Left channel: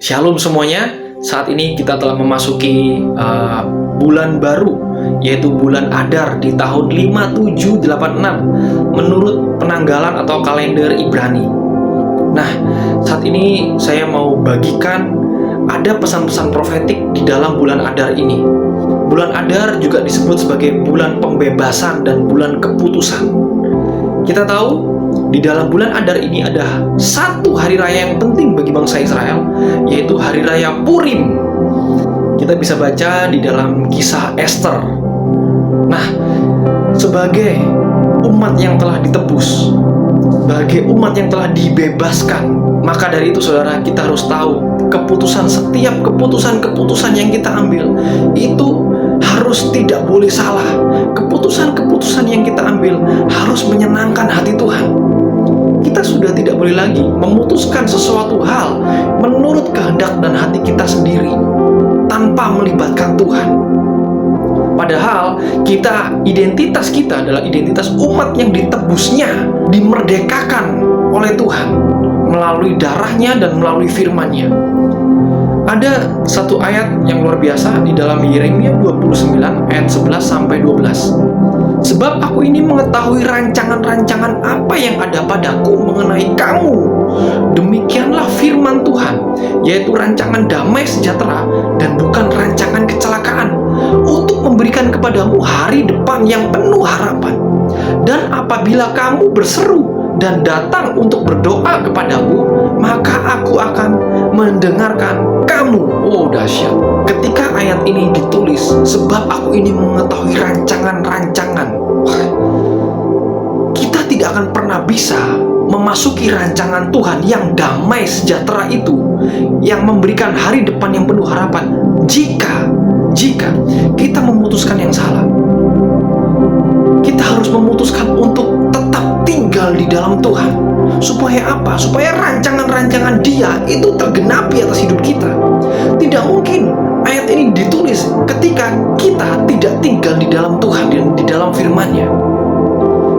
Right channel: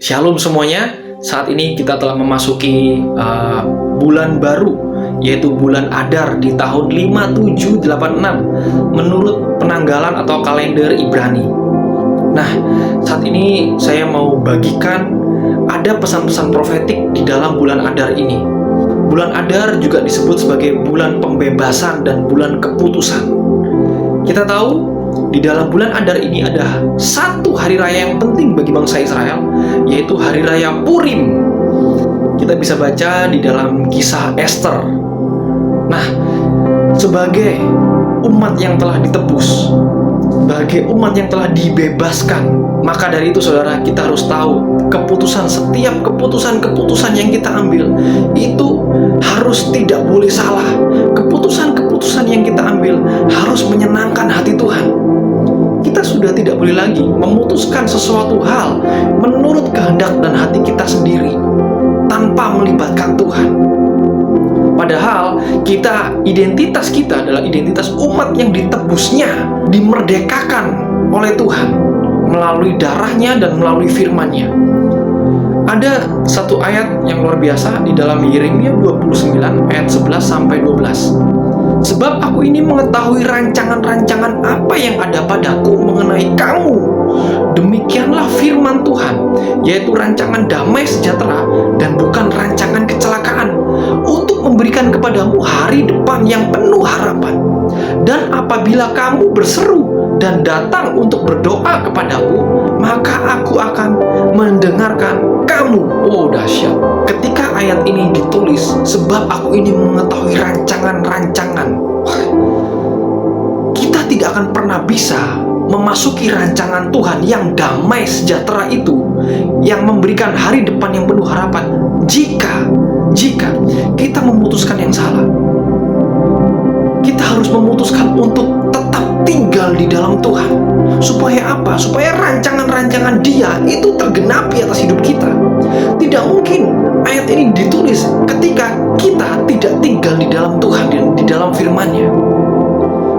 Shalom semuanya, saat ini kita telah memasuki bulan baru, yaitu bulan Adar di tahun 5786 menurut penanggalan atau kalender Ibrani. Nah, saat ini saya mau bagikan ada pesan-pesan profetik di dalam bulan Adar ini. Bulan Adar juga disebut sebagai bulan pembebasan dan bulan keputusan. Kita tahu di dalam bulan Adar ini ada satu hari raya yang penting bagi bangsa Israel, yaitu hari raya Purim. Kita bisa baca di dalam kisah Esther. Nah, sebagai umat yang telah ditebus, sebagai umat yang telah dibebaskan, maka dari itu saudara, kita harus tahu setiap keputusan yang kita ambil itu harus tidak boleh salah. Keputusan yang kita ambil harus menyenangkan hati Tuhan. Kita sudah tidak boleh lagi memutuskan sesuatu hal menurut kehendak dan hati kita sendiri tanpa melibatkan Tuhan. Padahal identitas kita adalah identitas umat yang ditebusnya, dimerdekakan oleh Tuhan melalui darahnya dan melalui firman-Nya. Ada satu ayat yang luar biasa di dalam Yeremia 29 ayat 11 sampai 12. Sebab aku ini mengetahui rancangan-rancangan apa yang ada padaku mengenai kamu. Demikianlah firman Tuhan, yaitu rancangan damai sejahtera dan bukan rancangan kecelakaan, untuk memberikan kepadamu hari depan yang penuh harapan. Dan apabila kamu berseru dan datang untuk berdoa kepadaku, maka aku akan mendengarkan kamu. Oh, dahsyat. Ketika ayat ini ditulis, sebab aku ini mengetahui rancangan-rancangan, kita tidak akan pernah bisa memasuki rancangan Tuhan yang damai sejahtera itu, yang memberikan hari depan yang penuh harapan, jika kita memutuskan yang salah. Kita harus memutuskan untuk tetap tinggal di dalam Tuhan. Supaya apa? Supaya rancangan-rancangan Dia itu tergenapi atas hidup kita. Tidak mungkin ayat ini ditulis ketika kita tidak tinggal di dalam Tuhan, di dalam firman-Nya.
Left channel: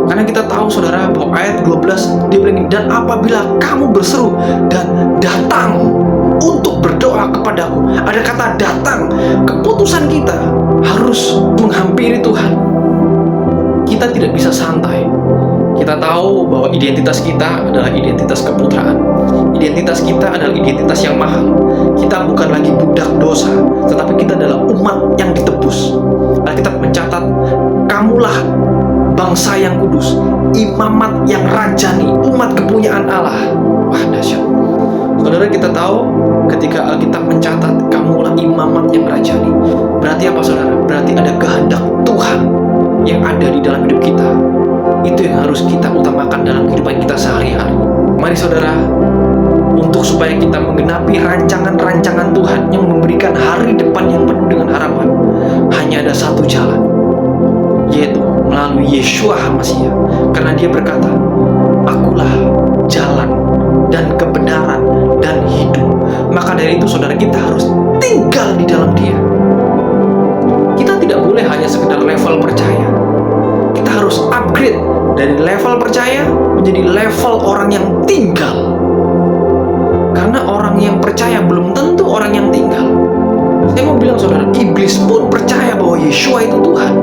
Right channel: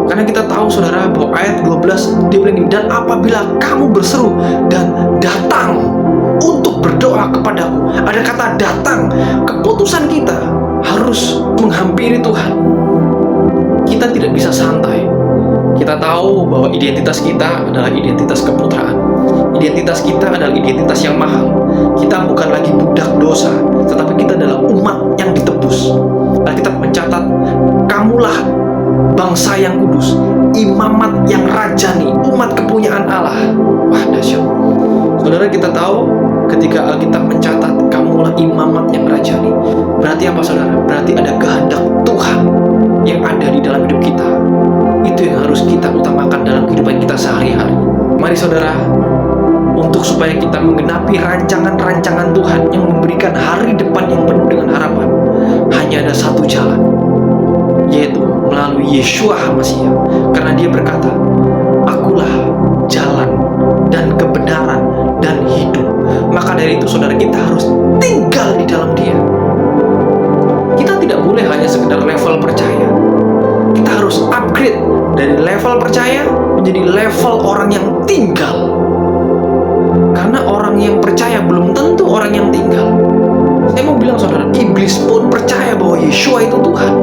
Karena kita tahu saudara bahwa ayat 12 dia bilang, dan apabila kamu berseru dan datang untuk berdoa kepadaku. Ada kata datang. Keputusan kita harus menghampiri Tuhan. Kita tidak bisa santai. Kita tahu bahwa identitas kita adalah identitas keputraan. Identitas kita adalah identitas yang mahal. Kita bukan lagi budak dosa, tetapi kita adalah umat yang ditebus. Alkitab mencatat, kamulah bangsa yang kudus, imamat yang rajani, umat kepunyaan Allah. Wah, dahsyat. Saudara, kita tahu ketika Alkitab mencatat kamulah imamat yang rajani, berarti apa saudara? Berarti ada kehendak Tuhan yang ada di dalam hidup kita. Itu yang harus kita utamakan dalam kehidupan kita sehari-hari. Mari saudara, untuk supaya kita menggenapi rancangan-rancangan Tuhan yang memberikan hari depan yang penuh dengan harapan, hanya ada satu jalan, yaitu melalui Yeshua HaMashiach. Karena Dia berkata, akulah jalan dan kebenaran dan hidup. Maka dari itu saudara, kita harus tinggal di dalam Dia. Kita tidak boleh hanya sekedar level percaya. Kita harus upgrade dari level percaya menjadi level orang yang tinggal. Karena orang yang percaya belum tentu orang yang tinggal. Saya mau bilang saudara, iblis pun percaya bahwa Yeshua itu Tuhan.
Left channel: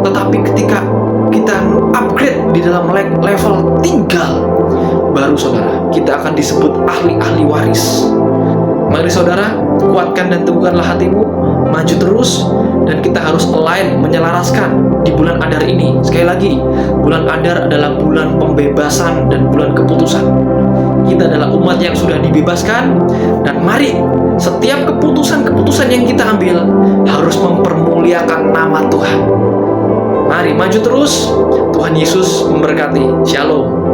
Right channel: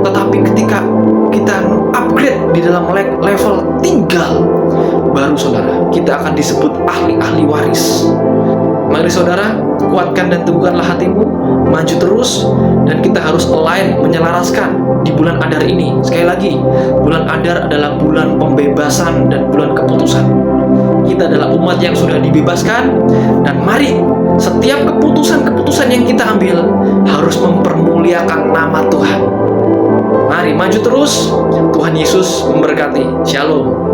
Tetapi ketika kita upgrade di dalam level tinggal, baru saudara, kita akan disebut ahli-ahli waris. Mari saudara, kuatkan dan teguhkanlah hatimu, maju terus, dan kita harus align, menyelaraskan di bulan Adar ini. Sekali lagi, bulan Adar adalah bulan pembebasan dan bulan keputusan. Kita adalah umat yang sudah dibebaskan, dan mari setiap keputusan yang kita ambil harus mempermuliakan nama Tuhan. Mari maju terus. Tuhan Yesus memberkati. Shalom.